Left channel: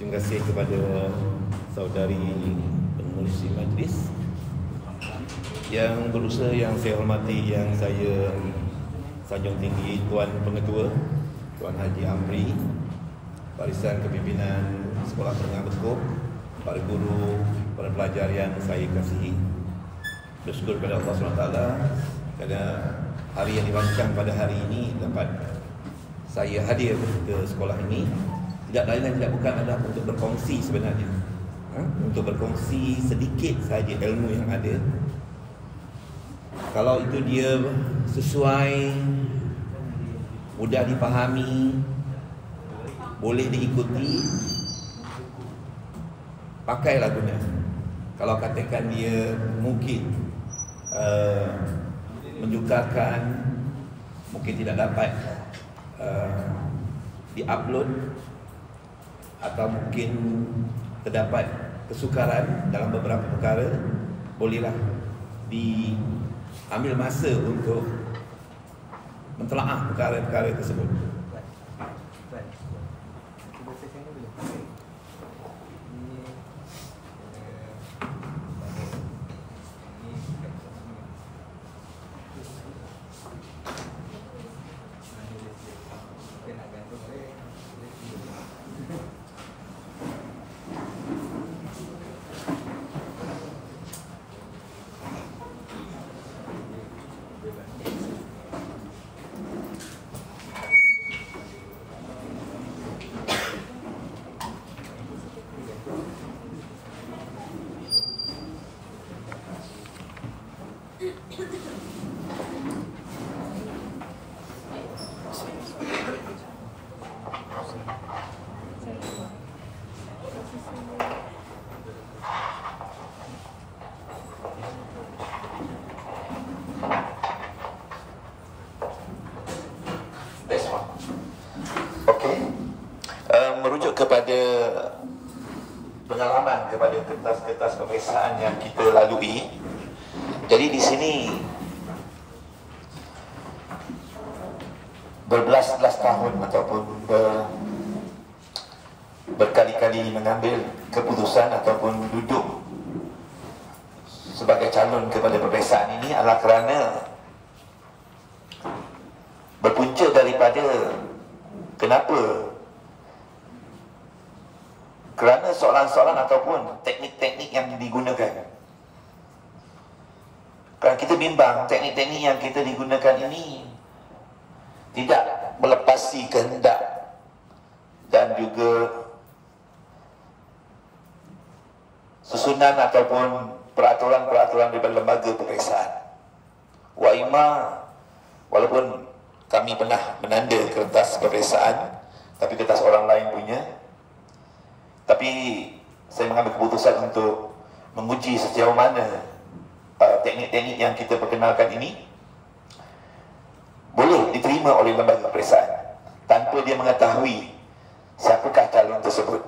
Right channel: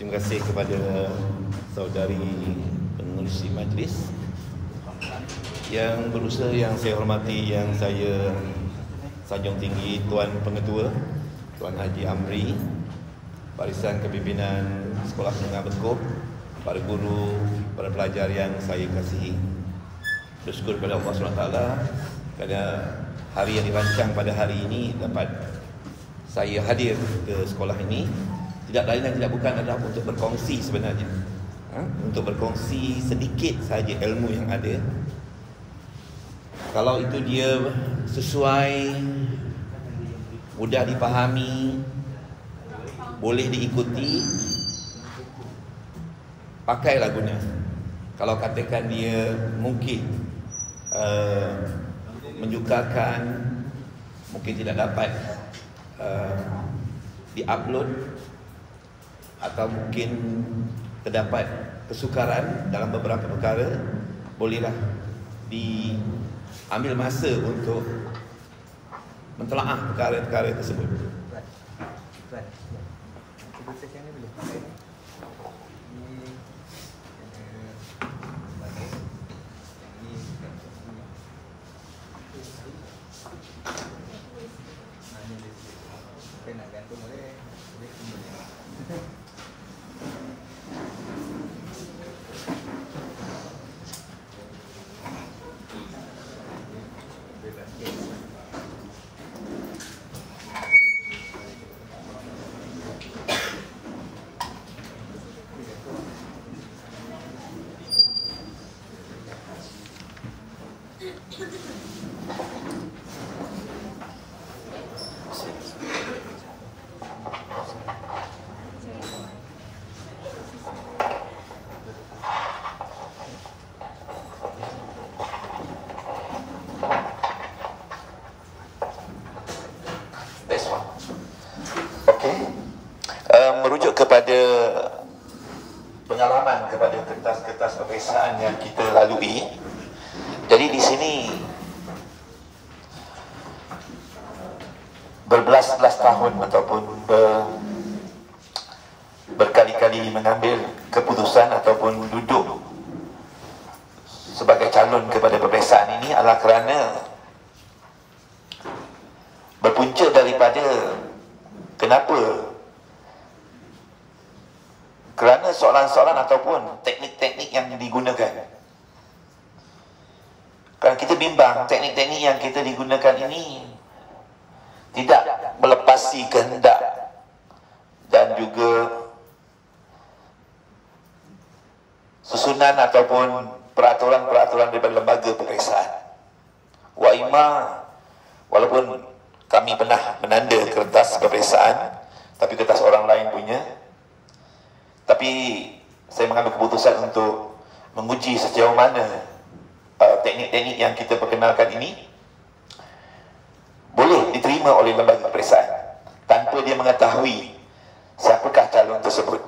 Terima kasih kepada saudari pengurusi majlis yang berusaha, yang saya hormati, yang saya sanjung tinggi Tuan Pengetua, Tuan Haji Amri, Barisan Kepimpinan Sekolah Menengah Bekub, para guru, para pelajar yang saya kasihi. Bersyukur kepada Allah SWT pada hari yang dirancang pada hari ini dapat saya hadir ke sekolah ini. Tidak lain dan tidak bukan adalah untuk berkongsi sebenarnya, untuk berkongsi sedikit sahaja ilmu yang ada. Kalau itu dia sesuai, mudah dipahami, boleh diikuti, pakailah guna. Kalau katakan dia mungkin menyukarkan, mungkin tidak dapat diupload, atau mungkin terdapat kesukaran dalam beberapa perkara, bolehlah diambil masa untuk mentelaah perkara-perkara tersebut. Merujuk kepada pengalaman, kepada kertas-kertas peperiksaan yang kita lalui. Jadi di sini berbelas-belas tahun ataupun berkali-kali mengambil keputusan ataupun duduk sebagai calon kepada peperiksaan ini adalah kerana berpunca daripada kenapa? Kerana soalan-soalan ataupun teknik-teknik yang digunakan. Kerana kita bimbang teknik-teknik yang kita digunakan ini tidak melepasi kehendak dan juga susunan ataupun peraturan-peraturan daripada lembaga peperiksaan. Walaupun kami pernah menanda kertas peperiksaan, tapi kertas orang lain punya, tapi saya mengambil keputusan untuk menguji sejauh mana teknik-teknik yang kita perkenalkan ini boleh diterima oleh lembaga peperiksaan tanpa dia mengetahui siapakah calon tersebut.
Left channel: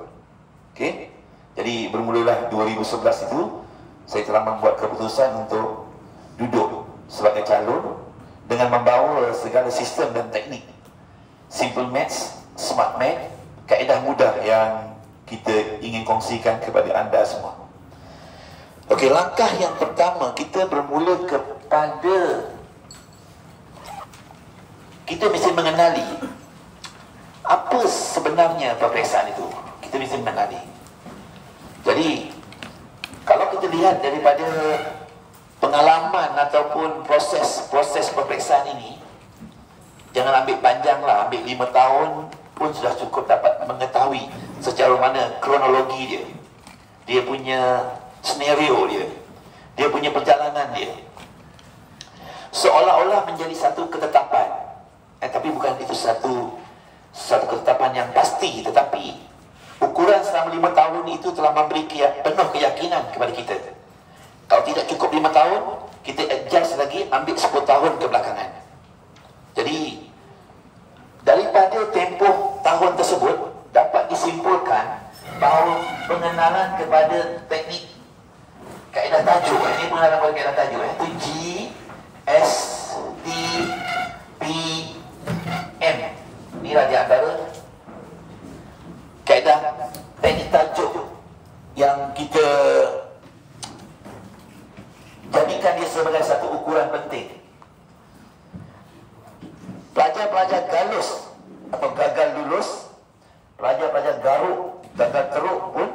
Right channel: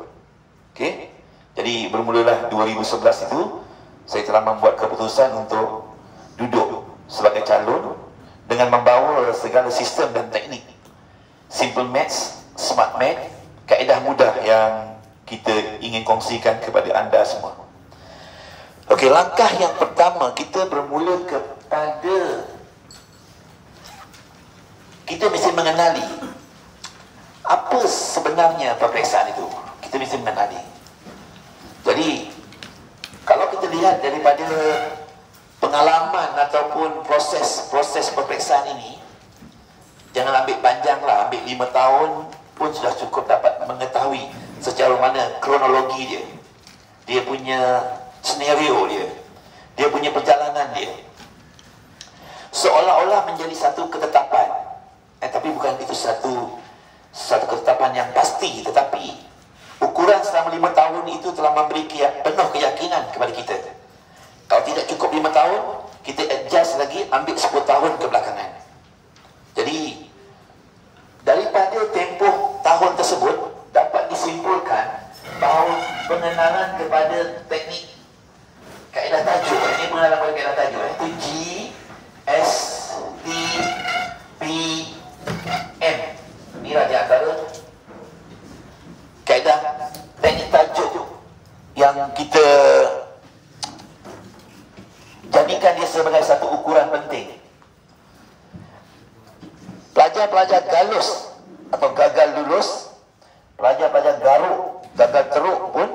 Okey. Jadi bermulalah 2011 itu saya telah membuat keputusan untuk duduk sebagai calon dengan membawa segala sistem dan teknik simple maths, smart math, kaedah mudah yang kita ingin kongsikan kepada anda semua. Okey, langkah yang pertama, kita bermula kepada kita mesti mengenali apa sebenarnya peperiksaan itu. Kita mesti mengenali. Jadi kalau kita lihat daripada pengalaman ataupun proses peperiksaan ini, jangan ambil panjang lah, ambil 5 tahun pun sudah cukup dapat mengetahui secara mana kronologi dia, dia punya senario dia punya perjalanan dia, seolah-olah menjadi satu ketetapan. Tapi bukan itu satu ketetapan yang pasti, tetapi ukuran selama 5 tahun itu telah memberi penuh keyakinan kepada kita. Kalau tidak cukup 5 tahun, kita adjust lagi, ambil 10 tahun ke belakangan. Jadi daripada tempoh tahun tersebut dapat disimpulkan bahawa pengenalan kepada teknik kaedah tajuk, ini pengenalan kepada kaedah tajuk, itu G, S, T, P, M. Inilah di antara kaedah teknik tajuk yang kita jadikan dia sebagai satu ukuran penting. Pelajar-pelajar galus atau gagal lulus, pelajar-pelajar garuk, gagal teruk pun,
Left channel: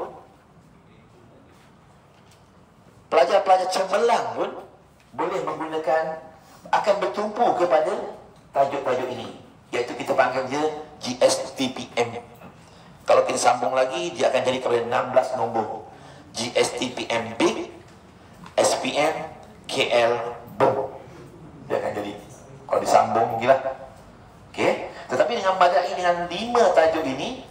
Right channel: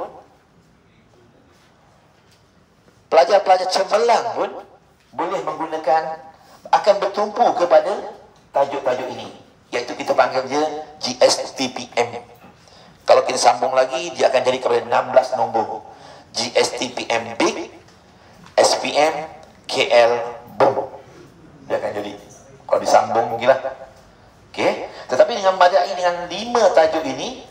pelajar-pelajar cemerlang pun boleh menggunakan, akan bertumpu kepada tajuk-tajuk ini, iaitu kita panggil dia GSTPM. Kalau kita sambung lagi, dia akan jadi kepada 16 nombor. GSTPM Big, SPM, KL, Boom. Dia akan jadi, kalau disambung mungkin lah. Okay. Tetapi dengan madai dengan 5 tajuk ini,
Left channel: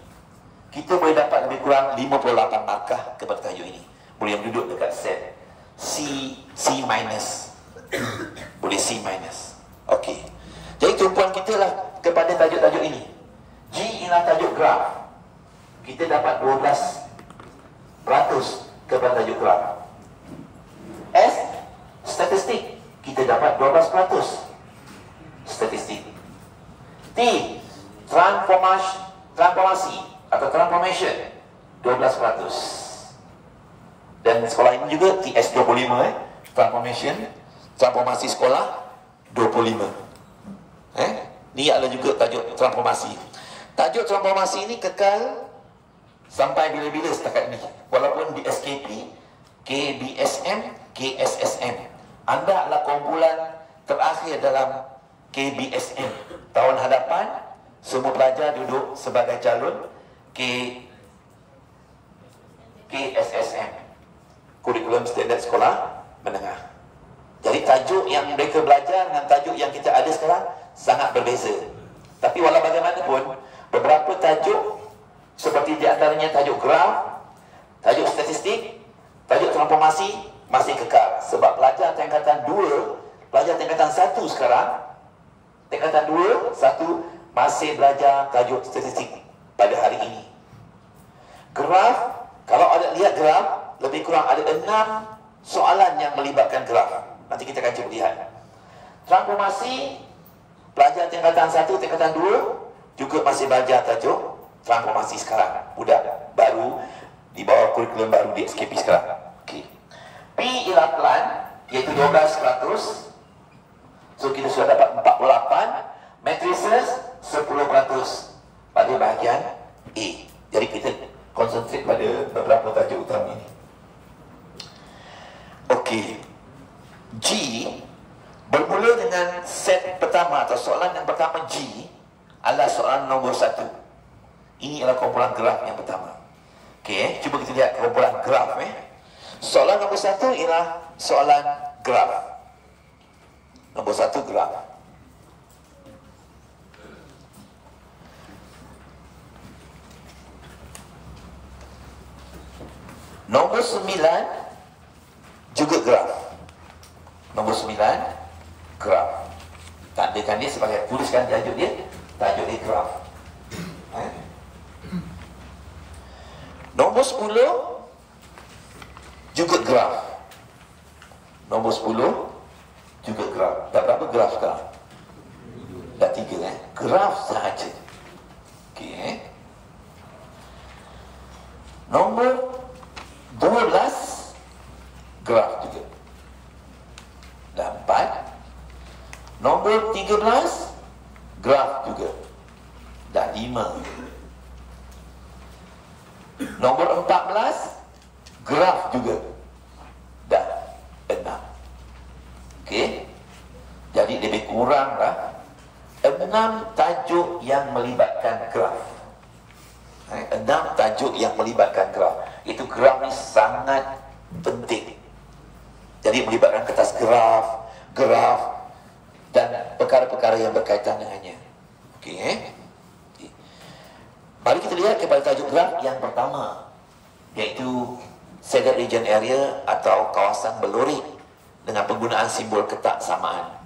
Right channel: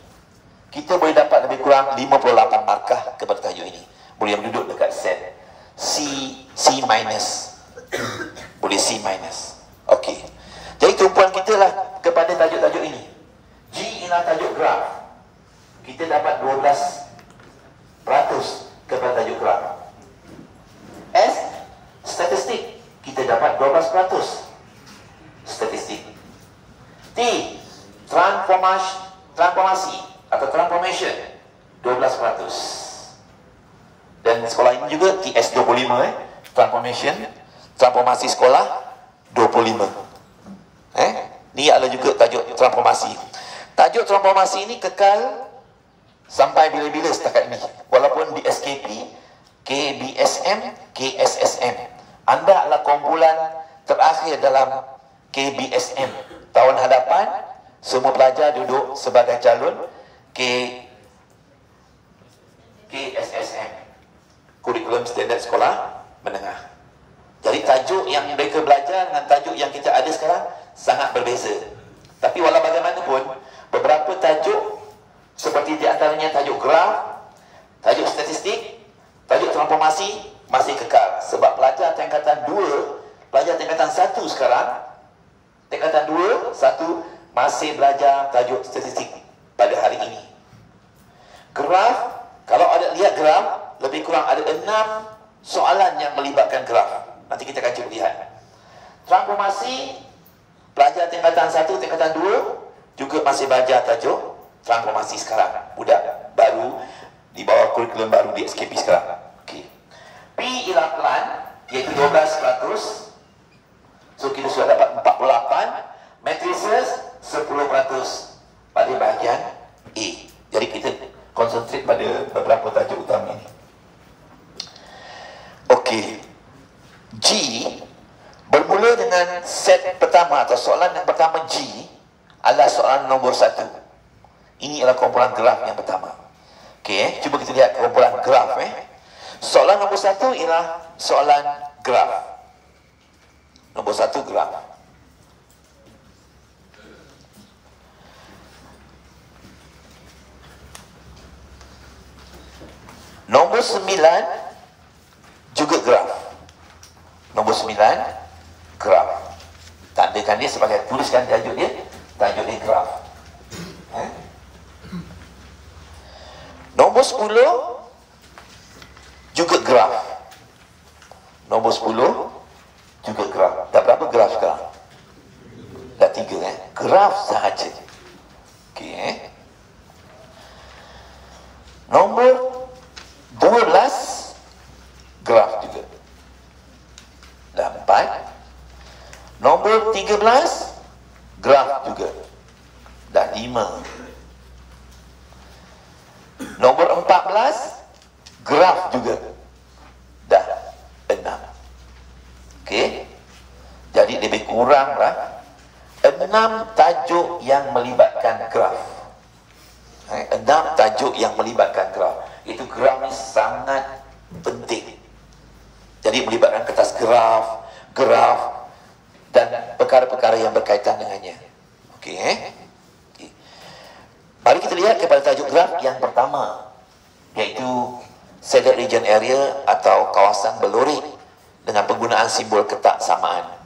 kita boleh dapat lebih kurang 58 markah kepada tajuk ini. Boleh yang duduk dekat set C minus. Boleh C minus. Okey. Jadi tumpuan kita lah kepada tajuk-tajuk ini. G ialah tajuk graf. Kita dapat 12% kepada tajuk graf. S, statistik. Kita dapat 12% statistik. T, transformasi atau transformation, 12%. Dan sekolah ini juga TS 25, transformasi sekolah 25. Ni adalah juga tajuk transformasi. Tajuk transformasi ini kekal sampai bila-bila setakat ini. Walaupun di SKP, KBSM, KSSM, anda adalah kumpulan terakhir dalam KBSM. Tahun hadapan semua pelajar duduk sebagai calon KSSM, kurikulum standard sekolah menengah. Jadi tajuk yang mereka belajar dengan tajuk yang kita ada sekarang sangat berbeza. Tapi walau bagaimanapun, beberapa tajuk seperti di antaranya tajuk graf, tajuk statistik, tajuk transformasi masih kekal. Sebab pelajar tingkatan 2, pelajar tingkatan 1 sekarang, tingkatan 2, 1 masih belajar tajuk statistik pada hari ini. Graf, kalau ada lihat graf, lebih kurang ada 6 soalan yang melibatkan graf. Nanti kita akan cuba lihat. Transformasi, pelajar tingkatan 1, tingkatan 2 juga masih belajar tajuk transformasi sekarang. Budak baru di bawah kurikulum baru di SKP sekarang. Okay. P ialah pelan, iaitu 12%. So kita sudah dapat 48. Matrices 10% pada bahagian A. Jadi kita konsentrate pada beberapa tajuk utama ini. Okey. G bermula dengan set pertama atau soalan yang pertama. G adalah soalan nombor 1. Ini adalah kumpulan graf yang pertama. Okey, cuba kita lihat kumpulan graf. Soalan nombor 1 ialah soalan graf. Nombor 1 graf. Nombor 9 juga graf. Nombor 9 graf. Tandakan dia sebagai, tuliskan tajuk dia graf. Nombor 10 juga graf. Nombor 10 juga graf. Dah berapa graf sekarang? Dah 3 graf sahaja. Okey. Nombor 12 graf juga. Dah 4. Nombor 13 graf juga. Dah 5. Nombor 14 graf juga. Dah 6. Okey. Jadi lebih kuranglah 6 tajuk yang melibatkan graf. 6 tajuk yang melibatkan graf. Itu graf ni sangat penting. Jadi melibatkan kertas graf, dan perkara-perkara yang berkaitan dengannya. Okey. Okay. Mari kita lihat kepada tajuk graf yang pertama, iaitu shaded region area atau kawasan berlorik dengan penggunaan simbol ketak samaan.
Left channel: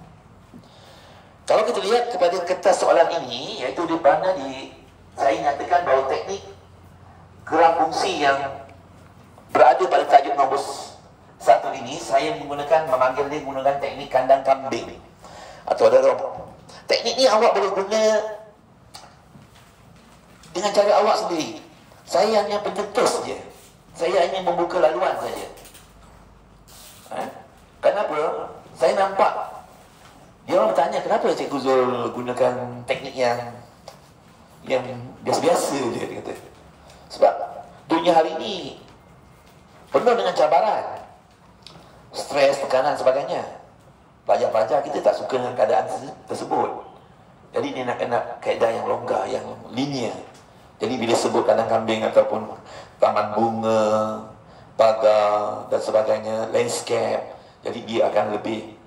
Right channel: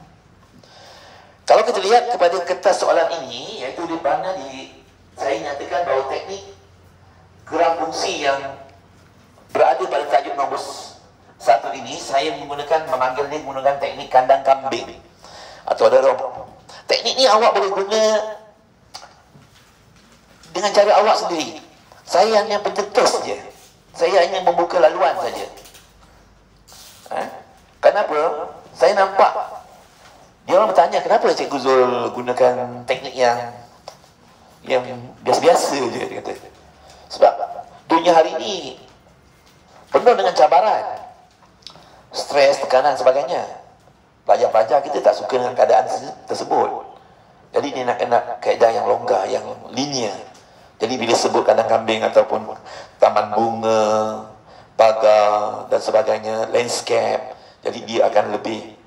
Kalau kita lihat kepada kertas soalan ini, iaitu di mana saya nyatakan bahawa teknik graf fungsi yang berada pada tajuk nombor 1 ini, saya memanggil dia menggunakan teknik kandang kambing. Atau ada teknik ni awak boleh guna dengan cara awak sendiri. Saya hanya pencetus je. Saya hanya membuka laluan saja. Kenapa? Saya nampak dia orang bertanya, kenapa Cikgu Zul gunakan teknik yang biasa-biasa je, dia kata. Sebab dunia hari ini penuh dengan cabaran, stres, tekanan sebagainya. Pelajar-pelajar kita tak suka dengan keadaan tersebut. Jadi dia nak kaedah yang longgar, yang linear. Jadi bila sebut kandang kambing ataupun taman bunga, pagar dan sebagainya, landscape, jadi dia akan lebih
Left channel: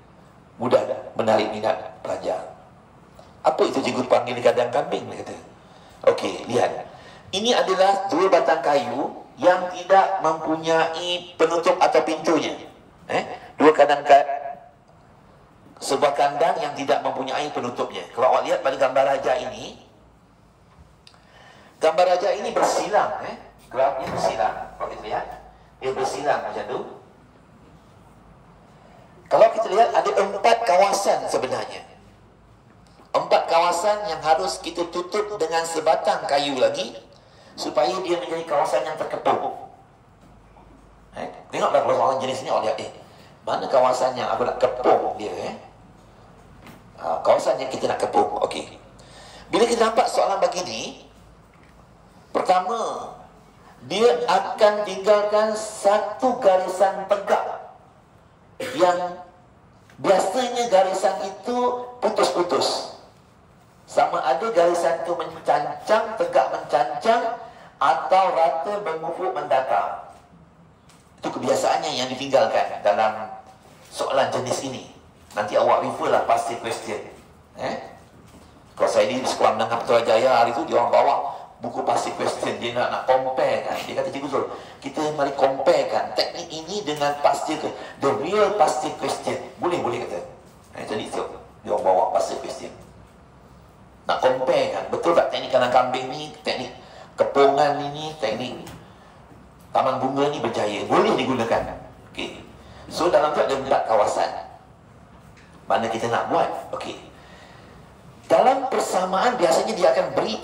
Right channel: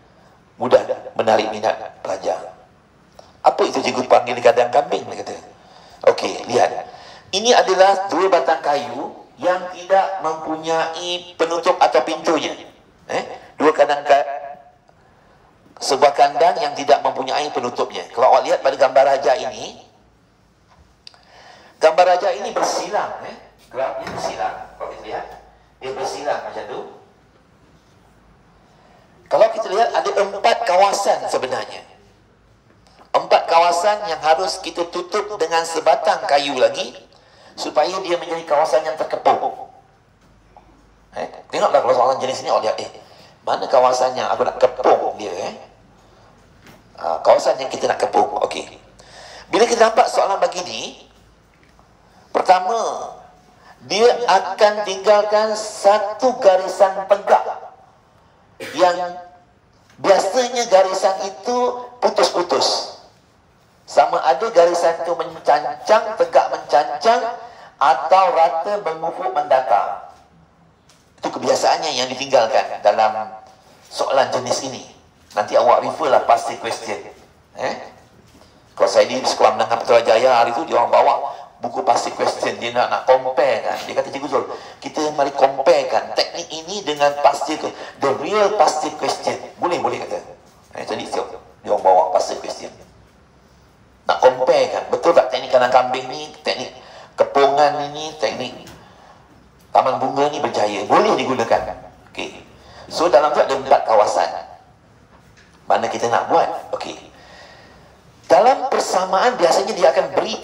mudah menarik minat pelajar. Apa itu cikgu panggil kandang kambing, dia kata. Okey, lihat. Ini adalah 2 batang kayu yang tidak mempunyai penutup atau pintunya. Sebuah kandang yang tidak mempunyai penutupnya. Kalau awak lihat pada gambar raja ini, gambar raja ini bersilang. Grafnya bersilang. Kalau kita lihat, dia bersilang macam tu. Kalau kita lihat, ada 4 kawasan sebenarnya. 4 kawasan yang harus kita tutup dengan sebatang kayu lagi, supaya dia menjadi kawasan yang terkepung. Tengoklah kalau soalan jenis ni, awak lihat, mana kawasan yang aku nak kepung dia, kawasan yang kita nak kepung. Okey. Bila kita nampak soalan begini, pertama, dia akan tinggalkan satu garisan tegak, yang biasanya garisan itu putus-putus. Sama ada garisan itu mencancang, tegak mencancang, atau rata mengufuk mendatar. Itu kebiasaannya yang ditinggalkan dalam soalan jenis ini. Nanti awak refer lah past question. Kalau saya di sekolah menengah Putrajaya hari itu, dia orang bawa buku past question. Dia nak compare kan. Dia kata, Cikgu Zul, kita mari compare kan teknik ini dengan past question, the real past question. Boleh kata. Jadi dia orang bawa past question. Nak compare kan, betul tak teknik kandang kambing ni, teknik kepungan ini, teknik taman bunga ni berjaya, boleh digunakan. Okey. So dalam tu ada 4 kawasan. Mana kita nak buat? Okey. Dalam persamaan biasanya dia akan beri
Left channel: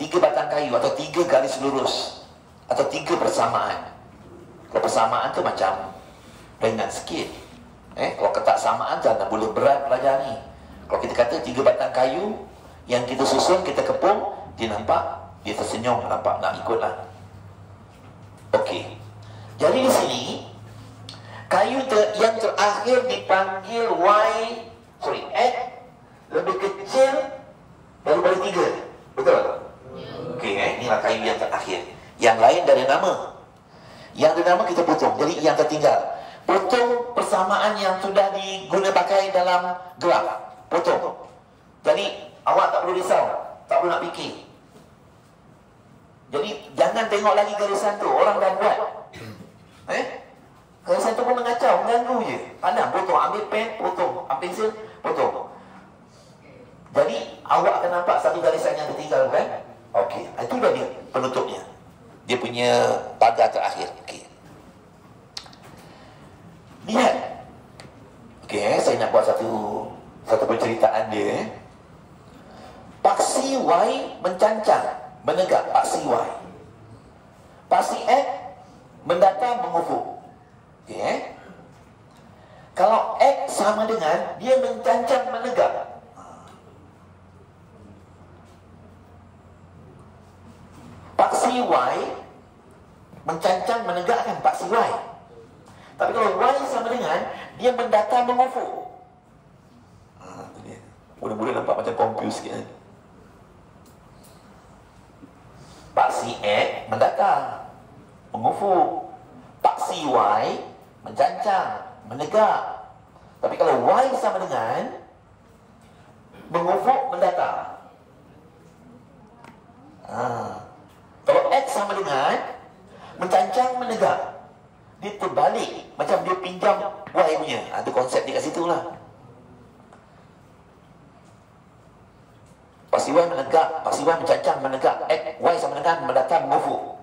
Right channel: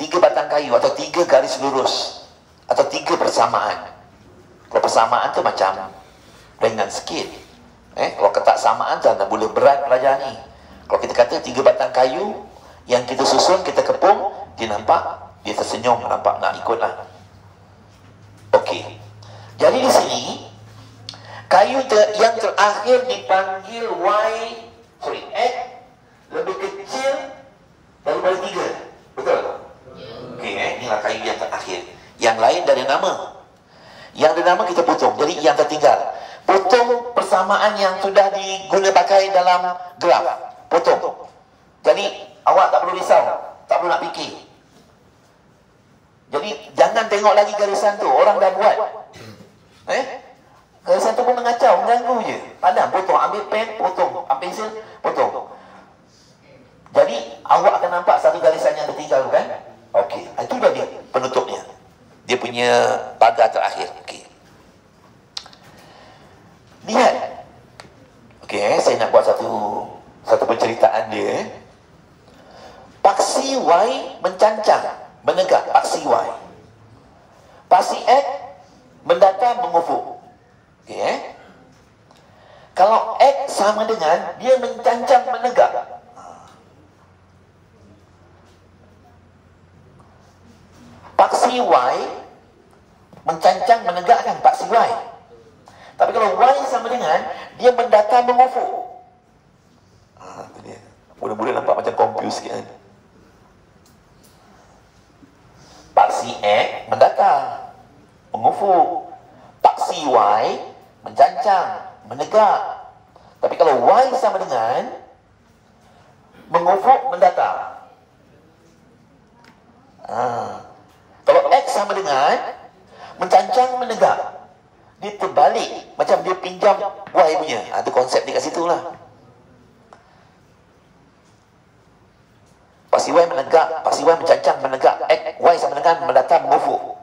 3 batang kayu atau 3 garis lurus atau 3 persamaan. Kalau persamaan tu macam ringan sikit. Kalau ketak samaan tu anda boleh berat pelajar ni. Kalau kita kata 3 batang kayu yang kita susun, kita kepung, dia nampak, dia tersenyum, nampak nak ikutlah. Okey. Jadi di sini kayu yang terakhir dipanggil X lebih kecil daripada 3. Betul? Okey, inilah kayu yang terakhir. Yang lain dari nama. Yang dari nama kita potong. Jadi yang tertinggal, potong persamaan yang sudah diguna pakai dalam graf. Potong. Jadi awak tak perlu risau, tak perlu nak fikir. Jadi jangan tengok lagi garisan tu, orang dah buat. Garisan tu pun mengacau, mengganggu je. Pandang, potong, ambil pen, potong, ambil pensel, potong. Jadi awak akan nampak satu garisan yang tertinggal, kan? Okey, itu dah dia penutupnya. Dia punya pagar terakhir. Okey. Lihat, saya nak buat satu penceritaan dia. Paksi Y mencancang, menegak paksi Y. Paksi X mendatar, mengufuk. Okey, Kalau X sama dengan dia mencancang, menegak. Paksi Y mencancang, menegakkan paksi Y. Tapi kalau Y sama dengan dia mendatar, mengufuk. Mudah-mudahan nampak macam confused sikit. Paksi X mendatar, mengufuk. Paksi Y mencancang, menegak. Tapi kalau Y sama dengan mengufuk, mendatar. Kalau X sama dengan mencancang, menegak, dia terbalik, macam dia pinjam Y punya. Itu konsep dia kat situ lah. Paksi Y menegak, paksi Y mencancang, menegak. X, Y sama dengan mendatar, mengufuk.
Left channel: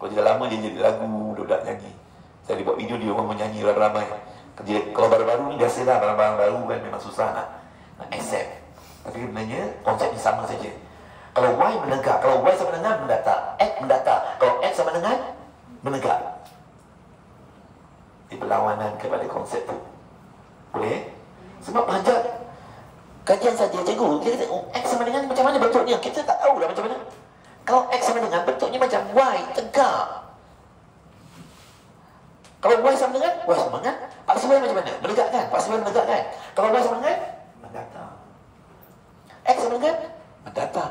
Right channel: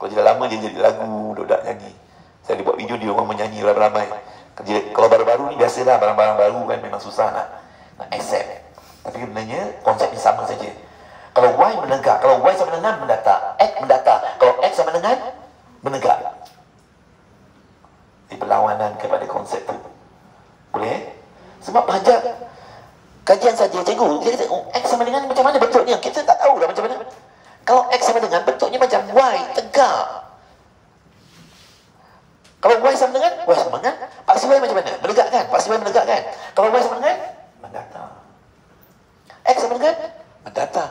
Kalau dia dah lama dia jadi lagu, budak nyanyi. Saya buat video dia orang menyanyi ramai-ramai. Kalau baru-baru ni biasalah, barang-barang baru kan memang susah nak accept. Tapi sebenarnya konsepnya sama saja. Kalau Y menegak, kalau Y sama dengan mendatar, X mendatar. Kalau X sama dengan menegak. Ini perlawanan kepada konsep tu. Boleh? Sebab belajar kajian saja, cikgu dia kata, X sama dengan macam mana bentuknya? Kita tak tahu dah macam mana. Kalau X sama dengan bentuknya macam Y, tegak. Kalau Y sama dengan paksi Y macam mana? Menegakkan. Paksi Y menegakkan. Kalau Y sama dengan mendatar. X sama dengan mendatar.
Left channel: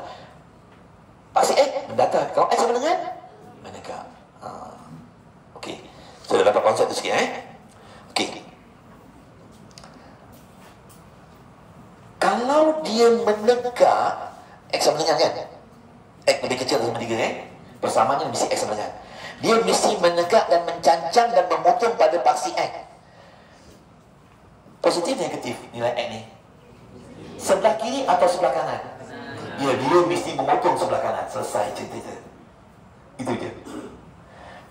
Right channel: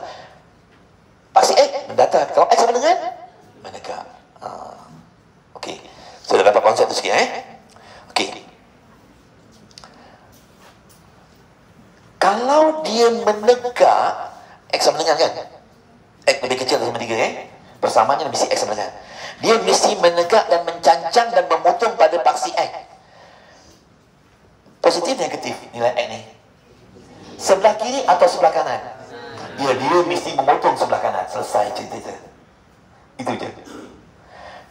Paksi X mendatar. Kalau X sama dengan menegak. Okey. Sudah dapat konsep tu sikit Okey. Kalau dia menegak, X sama dengan kan? X lebih kecil dari 3 Persamaannya mesti X sama dengan. Dia mesti menegak dan mencancang dan memotong pada paksi X. Positif, negatif nilai X ni? Sebelah kiri atau sebelah kanan? Dia mesti memotong sebelah kanan. Selesai cerita itu. Itu je.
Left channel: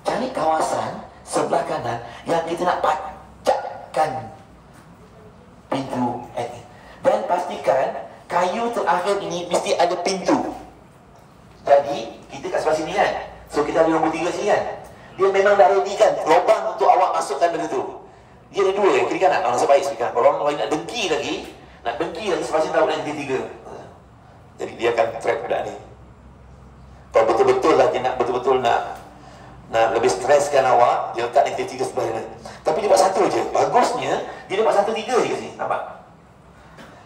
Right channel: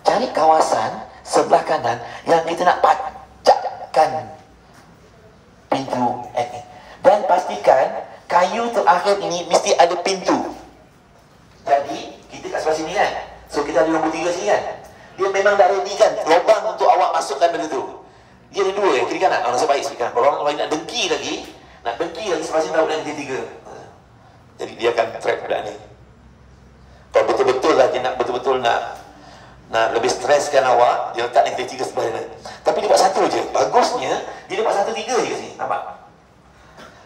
Cari kawasan sebelah kanan yang kita nak pacakkan pintu X. Dan pastikan kayu terakhir ini mesti ada pintu. Jadi kita kat sebelah sini kan, so kita ada nombor 3 sini kan. Dia memang dah ready kan lubang untuk awak masukkan benda tu. Dia ada 2 kiri kanan. Nasib baik sikit. Kalau orang lain nak dengki lagi sebelah sini tahu dah jadi 3. Jadi dia akan trap budak ni. Kalau betul-betul lah dia nak betul-betul nak lebih streskan awak, dia letak negatif 3 sebelah ni. Tapi dia buat satu je. Bagusnya dia buat 1 3 je kat sini. Nampak?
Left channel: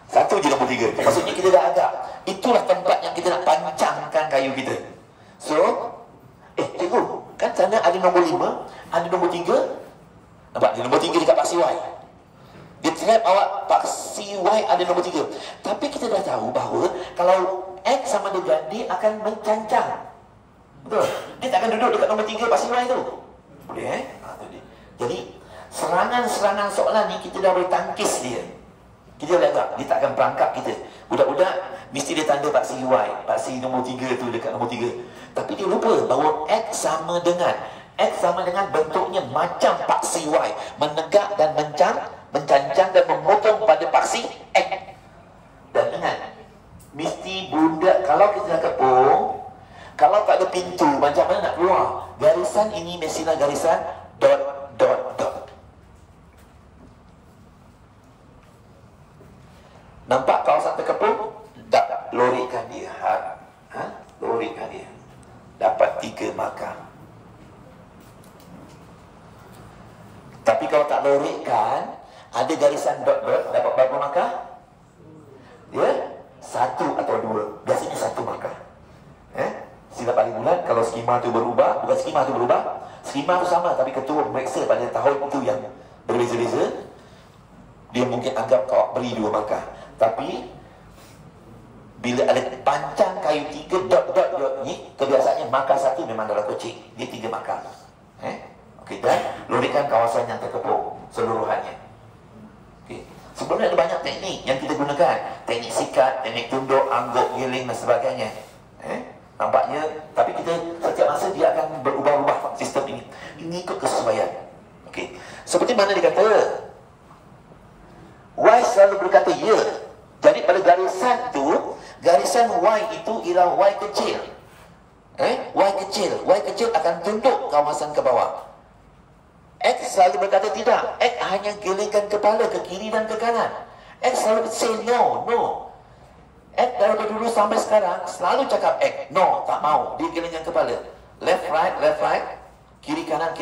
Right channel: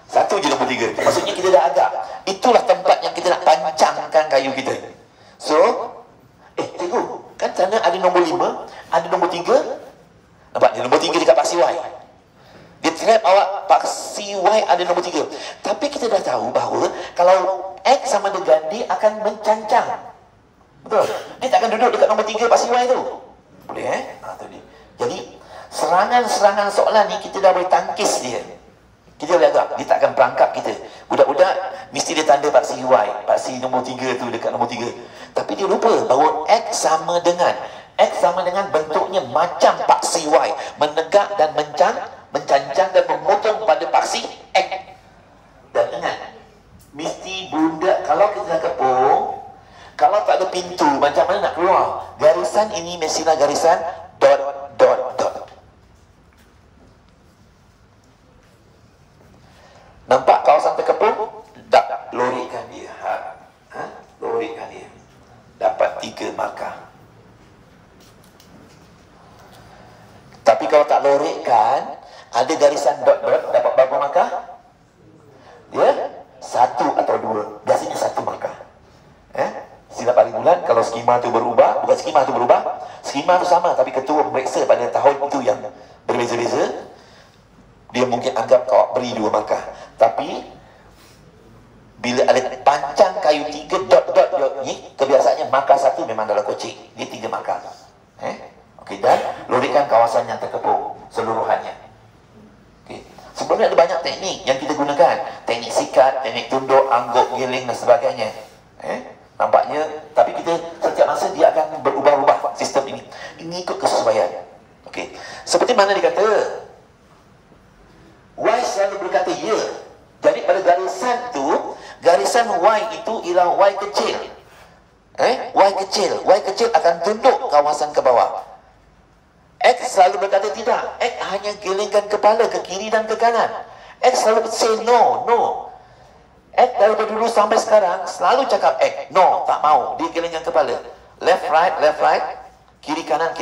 Satu je nombor 3. Maksudnya kita dah ada. Itulah tempat yang kita nak pancangkan kayu kita. So, cikgu, kan sana ada nombor 5, ada nombor 3. Nampak? Dia nombor 3 dekat paksi Y. Dia trap awak paksi Y ada nombor 3. Tapi kita dah tahu bahawa kalau X sama dengan dia akan mencancang. Betul? Dia tak akan duduk dekat nombor 3 paksi Y tu. Boleh tu dia. Jadi, serangan-serangan soalan ni kita dah boleh tangkis dia. Kita boleh agak, dia tak akan perangkap kita. Budak-budak mesti dia tanda paksi Y, paksi nombor 3 tu dekat nombor 3. Tapi dia lupa bahawa X sama dengan bentuknya macam paksi Y, menegak dan mencancang dan memotong pada paksi X. Dan ingat, mesti budak kalau kita dah kepung, kalau tak ada pintu, macam mana nak keluar? Garisan ini mestilah garisan dot dot dot. Nampak kawasan terkepung? Tak, lorikan dia. Lorikan dia. Dapat 3 markah. Tapi kalau tak lorikan, ada garisan dot-dot, dapat berapa markah? Dia 1 atau 2. Biasanya 1 markah. Silap hari bulan, kalau skema tu berubah, bukan skema tu berubah, skema tu sama, tapi ketua pemeriksa pada tahun itu yang berbeza-beza, dia mungkin anggap kau beri 2 markah. Tapi bila ada pancang kayu 3 dot ni, kebiasaannya markah 1 memang dalam kocik. Dia 3 markah. Okey, dan lorikan kawasan yang terkepung seluruhannya. Okey. Sebelumnya ada banyak teknik yang kita gunakan. Teknik sikat, teknik tunduk, angguk, giling dan sebagainya. Nampaknya, tapi kita setiap masa dia akan berubah-ubah sistem ini. Mengikut kesesuaian. Okey. Seperti mana dia kata, Y selalu berkata ya. Jadi pada garisan tu, garisan Y itu ialah Y kecil. Y kecil akan tunduk kawasan ke bawah. X selalu berkata tidak. X hanya gelengkan kepala ke kiri dan ke kanan. X selalu say no. X daripada dulu sampai sekarang selalu cakap X. No, tak mau. Dia gelengkan kepala. Left, right. Kiri, kanan.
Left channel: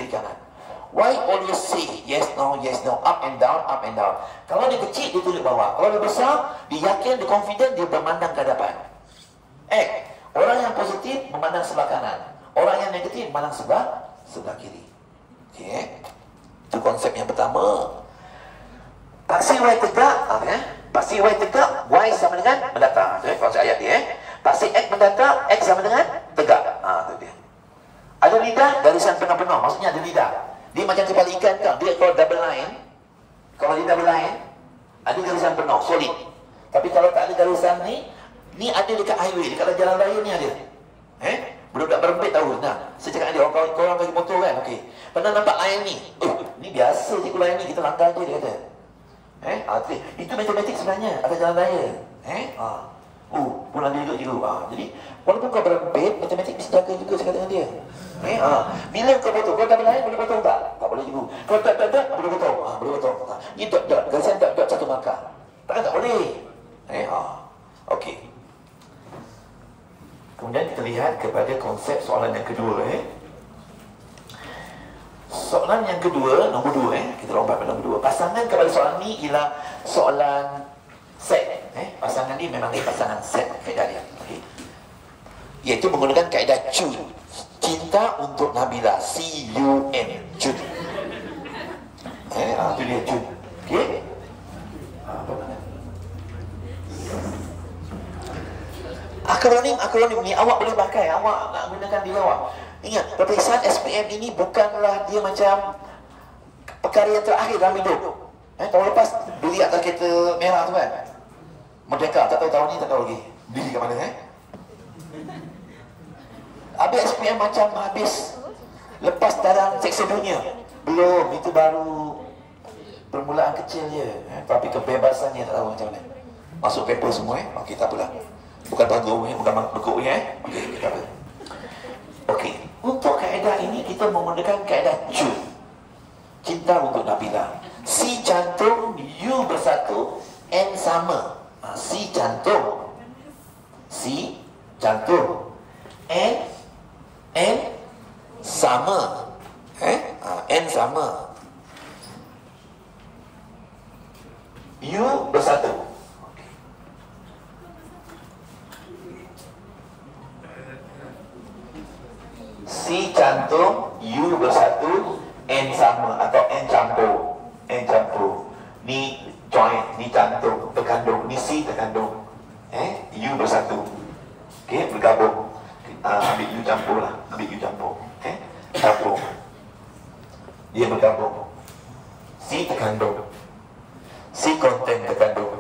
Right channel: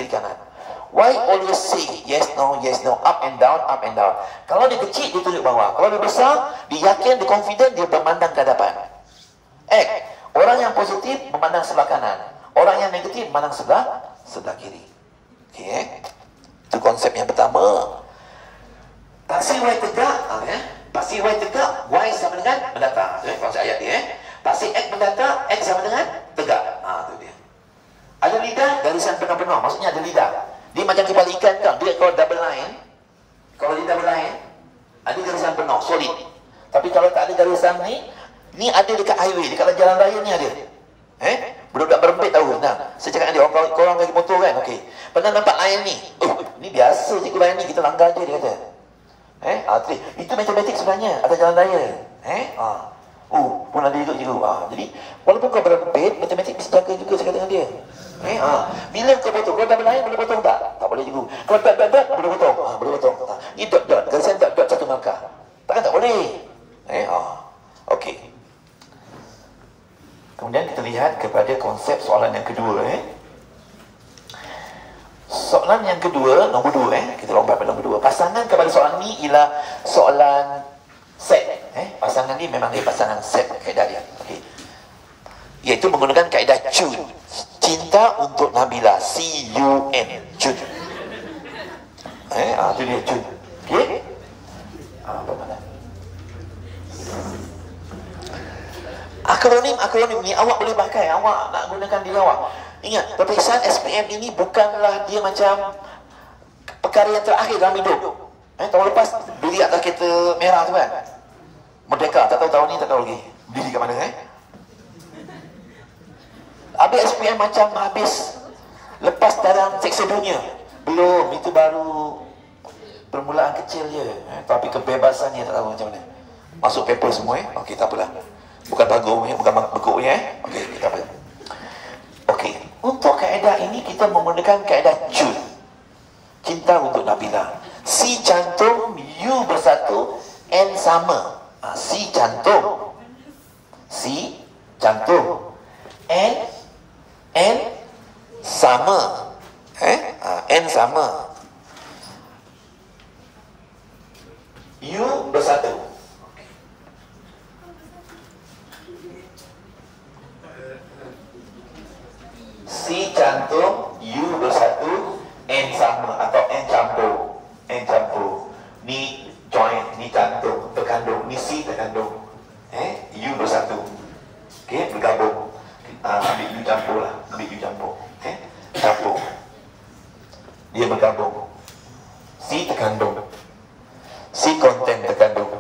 Y always say yes, no, up and down. Kalau dia kecil, dia tunjuk bawah. Kalau dia besar, dia yakin, dia confident, dia bermandang ke hadapan. X, orang yang positif memandang sebelah kanan. Orang yang negatif memandang sebelah kiri. Okay. Itu konsep yang pertama. Paksi Y tegak, paksi Y tegak, Y sama dengan mendatar. Konsep ayat dia. Paksi X mendatar, X sama dengan tegak. Itu dia. Ada lidah, garisan penuh-penuh. Maksudnya ada lidah. Dia macam kepala ikan kan. Dia kalau double line, kalau dia double line, ada garisan penuh, solid. Tapi kalau tak ada garisan ni ada dekat highway, dekat jalan raya ni ada. Budak-budak berempit tahu. Nah, saya cakap dengan dia, korang kaki motor kan? Okey. Pernah nampak line ni? Ni biasa je line ni, kita langgar je, dia kata. Itu matematik sebenarnya, ada jalan raya. Pun ada duduk juga. Jadi, walaupun kau berempit, matematik mesti jaga juga, saya kata dengan dia. Bila kau potong, kau double line boleh potong tak? Tak boleh juga. Kau dot, boleh potong. Boleh potong. Ni dot, garisan dot satu markah. Takkan tak boleh. Okey. Kemudian kita lihat kepada konsep soalan yang kedua. Soalan yang kedua, nombor 2. Kita lompat pada nombor 2. Pasangan kepada soalan ni ialah soalan set. Pasangan ni memang pasangan set kaedah dia. Okay. Iaitu menggunakan kaedah Chun. Cinta untuk Nabila. C-U-N. Chun. Itu dia Chun. Okay. Akronim ni awak boleh pakai. Awak nak gunakan diri awak. Ingat, peperiksaan SPM ini bukanlah dia macam perkara yang terakhir dalam hidup. Tahun lepas beli atas kereta merah tu kan, Merdeka, tak tahu tahun ni, tak tahu lagi beli kat mana. Habis SPM macam habis lepas dalam seksa dunia. Belum, itu baru permulaan kecil je. Tapi kebebasannya tak tahu macam mana. Masuk paper semua. Okey, tak apalah. Bukan bagusnya, bukan bekuknya. Okey, kita apa? Okey, untuk kaedah ini kita menggunakan kaedah Chun. Cinta untuk Nabila. C cantum, U bersatu, N sama. C cantum, N sama. N sama. U bersatu. C cantum, U bersatu, N sama atau N campur. Ni join, ni cantum, terkandung. Ni C terkandung. U bersatu. Okey, bergabung. Ambil U campur lah. Campur. Dia bergabung. C terkandung. C konten terkandung.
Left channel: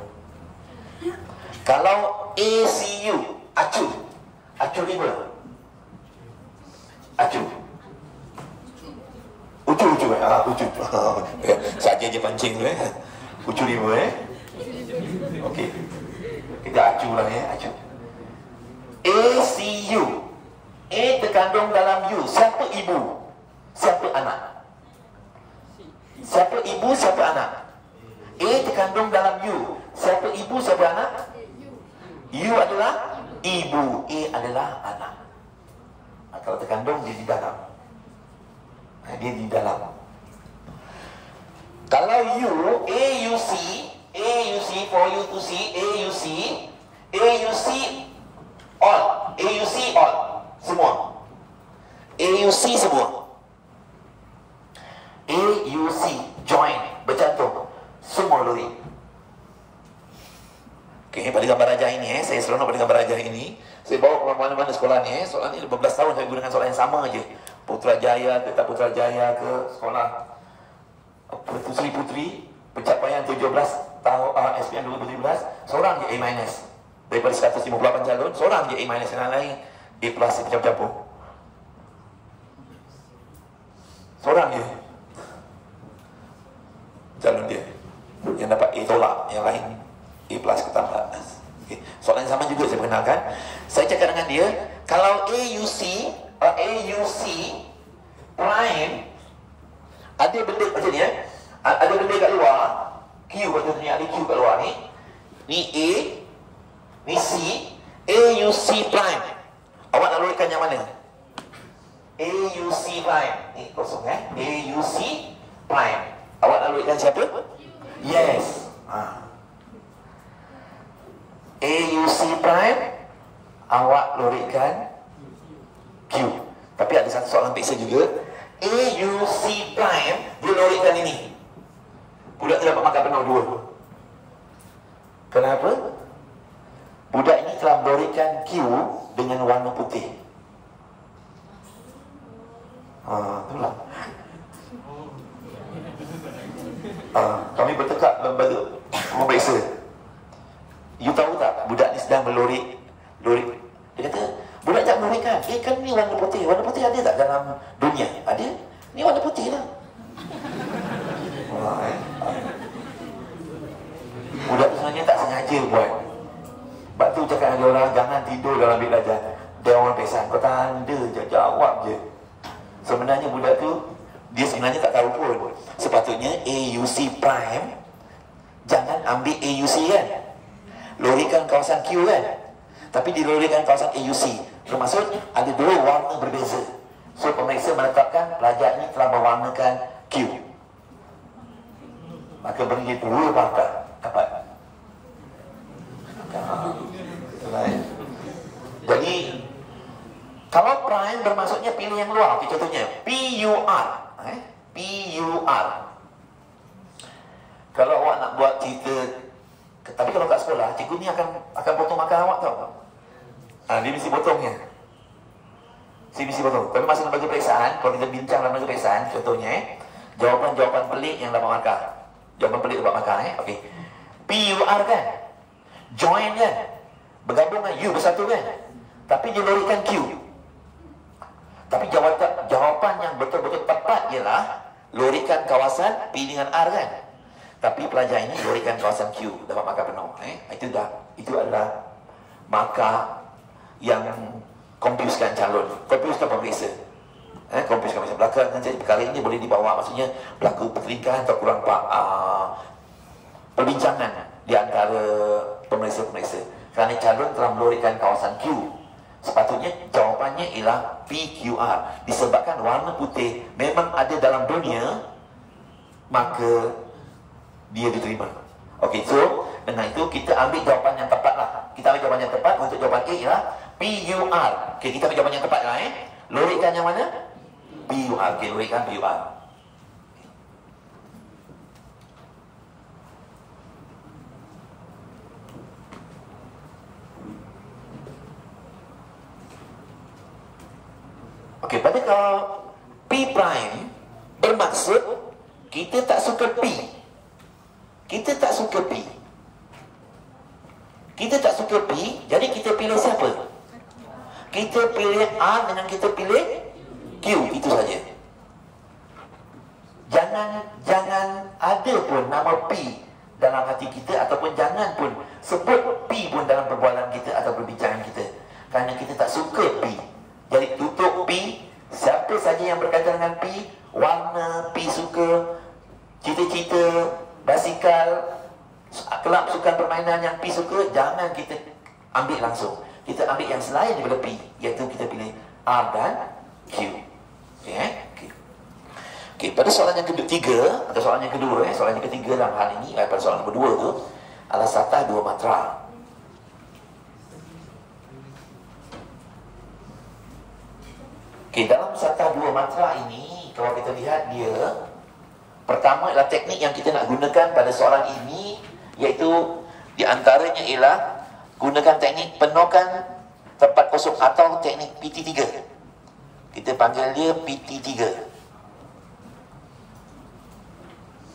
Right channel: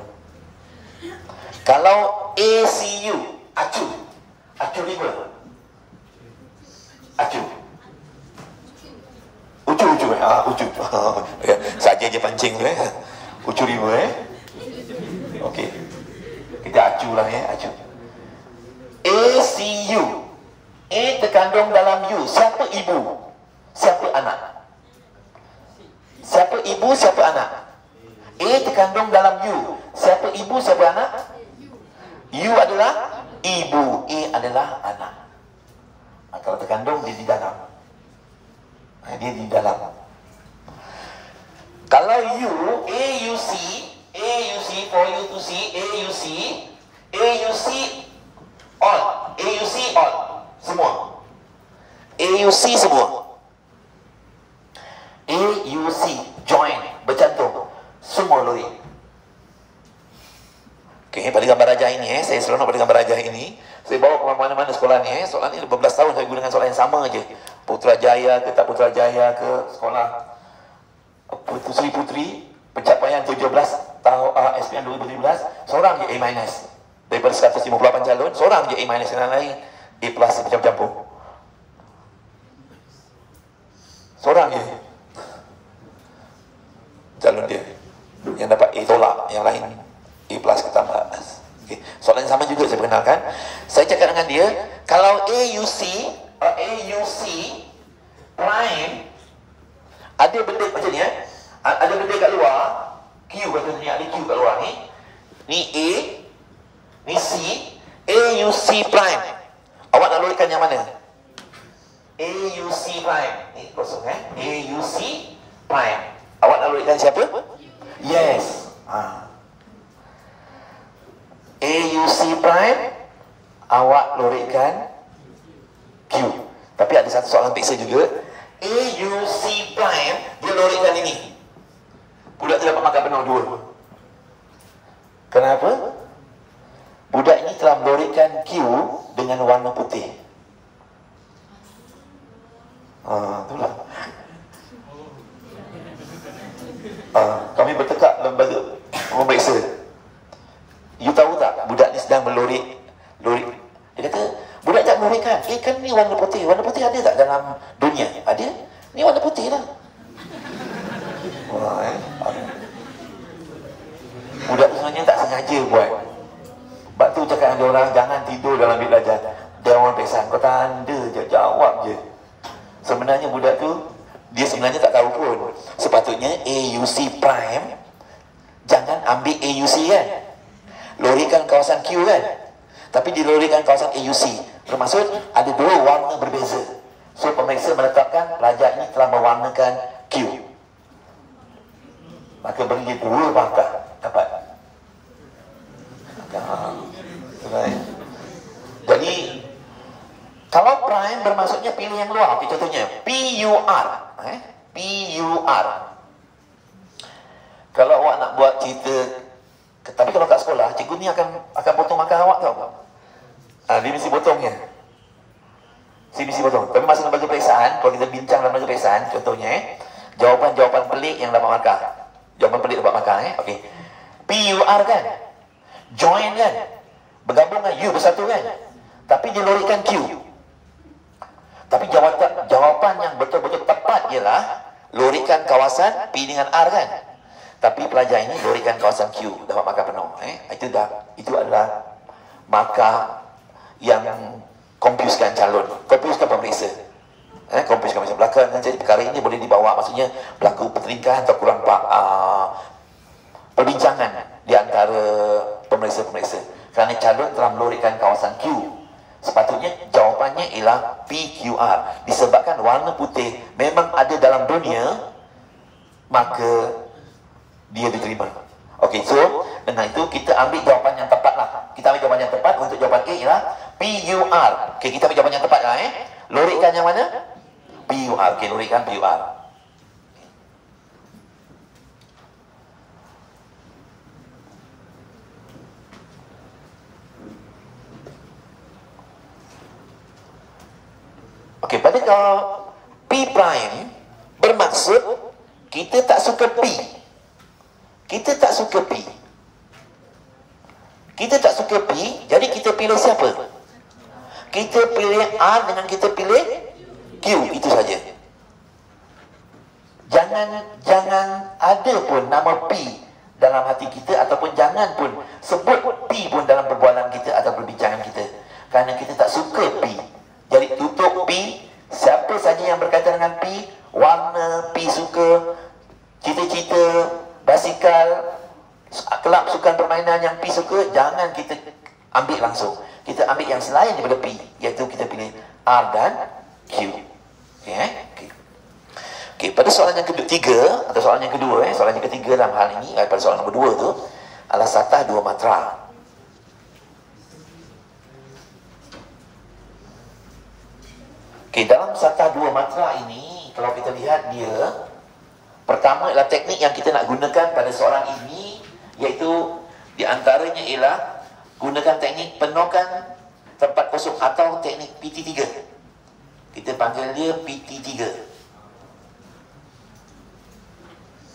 Kalau ACU, acu 5. Ucu. Saja je pancing tu Ucu 5 Okey. Kita acu lah acu. ACU. A terkandung dalam U. Siapa ibu? Siapa anak? Siapa ibu, siapa anak? A terkandung dalam U. Siapa ibu, siapa anak? U adalah ibu, A adalah anak. Kalau terkandung, dia di dalam. Dia di dalam. Kalau U, AUC, for you to see, AUC all, semua. AUC semua. AUC, join, bercantum, semua lori. Okey, pada gambar rajah ini, saya seronok pada gambar rajah ini. Saya bawa ke mana-mana sekolah ni. Soalan ni 15 tahun saya gunakan soalan yang sama je. Putrajaya ke tak Putrajaya ke sekolah Puteri-Puteri pencapaian 17 tahun SPM 2017, seorang je A-. Daripada 158 calon, seorang je A-, yang lain A+ campur-campur. Seorang je calon dia yang dapat A tolak, yang lain A plus ketambah. Okay. Soalan yang sama juga saya perkenalkan. Saya cakap dengan dia, kalau AUC prime ada benda macam ni, ada benda kat luar, Q katanya, ada Q kat luar ni. Ni A, ni C, AUC prime. Awak nak lorikan yang mana? AUC prime. Ni kosong AUC prime. Awak nak lorikan siapa? Yes. AUC prime, awak lorikan Q. Tapi ada satu soalan peksa juga. AUC prime, dia lorikan ini. Budak tu dapat makan penuh 2. Kenapa? Budak ini telah melorikan Q dengan warna putih. Itulah. Kami bertekak membantu memeriksa. You tahu tak, budak ni sedang melorik. Dia kata, budak tak melorikan. Kan ni warna putih. Warna putih ada tak dalam dunia? Ada. Ni warna putih lah. Budak tu sebenarnya tak sengaja buat. Sebab tu cakap dengan dia orang, jangan tidur dalam bilik belajar. Dia orang pesan, bertanda je, jawab je. Sebenarnya budak tu, dia sebenarnya tak tahu pun. Sepatutnya AUC prime, jangan ambil AUC kan. Lorikan kawasan Q kan. Tapi dilorikan kawasan AUC. Bermaksud ada 2 warna berbeza. So pemeriksa menetapkan pelajar ini telah mewarnakan Q. Maka beri dia 2 markah. Dapat. Right. Jadi kalau prime bermaksudnya pilih yang luar. Contohnya PUR. PUR. Kalau awak nak buat cerita, tapi kalau kat sekolah, cikgu ni akan potong makan awak tau. Dia mesti potongnya. Dia mesti potong. Tapi masa lembaga periksaan, kalau kita bincang dalam lembaga periksaan, contohnya jawapan-jawapan pelik yang dapat markah. Jawapan pelik dapat markah. Okey. PUR kan, join kan, bergabung kan, U bersatu kan. Tapi dia lorikan Q. Tapi jawapan yang betul-betul tepat ialah lorikan kawasan P dengan R kan. Tapi pelajar ini lorikan kawasan Q, dapat markah penuh. Itu adalah markah yang confuskan calon, confuskan pemeriksa. Confuskan pemeriksa. Belakang jadi perkara ini boleh dibawa, maksudnya berlaku pertelingkahan atau kurang perbincangan di antara pemeriksa-pemeriksa. Kerana calon telah melorikan kawasan Q. Sepatutnya jawapannya ialah PQR. Disebabkan warna putih memang ada dalam dunia, maka dia diterima. Okey, so dengan itu kita ambil jawapan yang tepat lah. Kita ambil jawapan yang tepat untuk jawapan A ialah PUR. Okey, kita ambil jawapan yang tepat lah. Lorikan yang mana? PUR. Okey, lorikan PUR. Okey, pada kalau P prime bermaksud kita tak suka P. Kita tak suka P. Kita tak suka P, jadi kita pilih siapa? Kita pilih R dengan kita pilih Q, itu saja. Jangan ada pun nama P dalam hati kita, ataupun jangan pun sebut P pun dalam perbualan kita atau perbincangan kita. Kerana kita tak suka P. Jadi tutup P, siapa saja yang berkaitan dengan P, warna P suka, cita-cita, basikal, kelab sukan permainan yang P suka, jangan kita ambil langsung. Kita ambil yang selain daripada P, iaitu kita pilih R dan Q. Okey, pada soalan yang ketiga, atau soalan yang kedua, soalan yang ketiga dalam hal ini, pada soalan nombor 2 tu adalah satah 2 matra. Okey, dalam satah 2 matra ini, kalau kita lihat dia, pertama adalah teknik yang kita nak gunakan pada soalan ini, iaitu di antaranya ialah gunakan teknik penuhkan tempat kosong atau teknik PT3. Kita panggil dia PT3.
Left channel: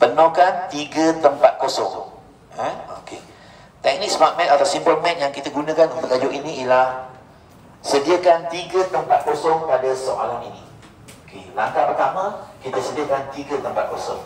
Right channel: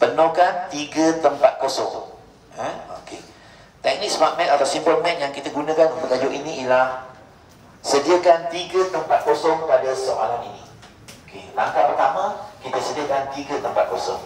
Penuhkan 3 tempat kosong. Okey. Teknik Smart Math atau Simple Math yang kita gunakan untuk tajuk ini ialah sediakan 3 tempat kosong pada soalan ini. Okey, langkah pertama, kita sediakan 3 tempat kosong.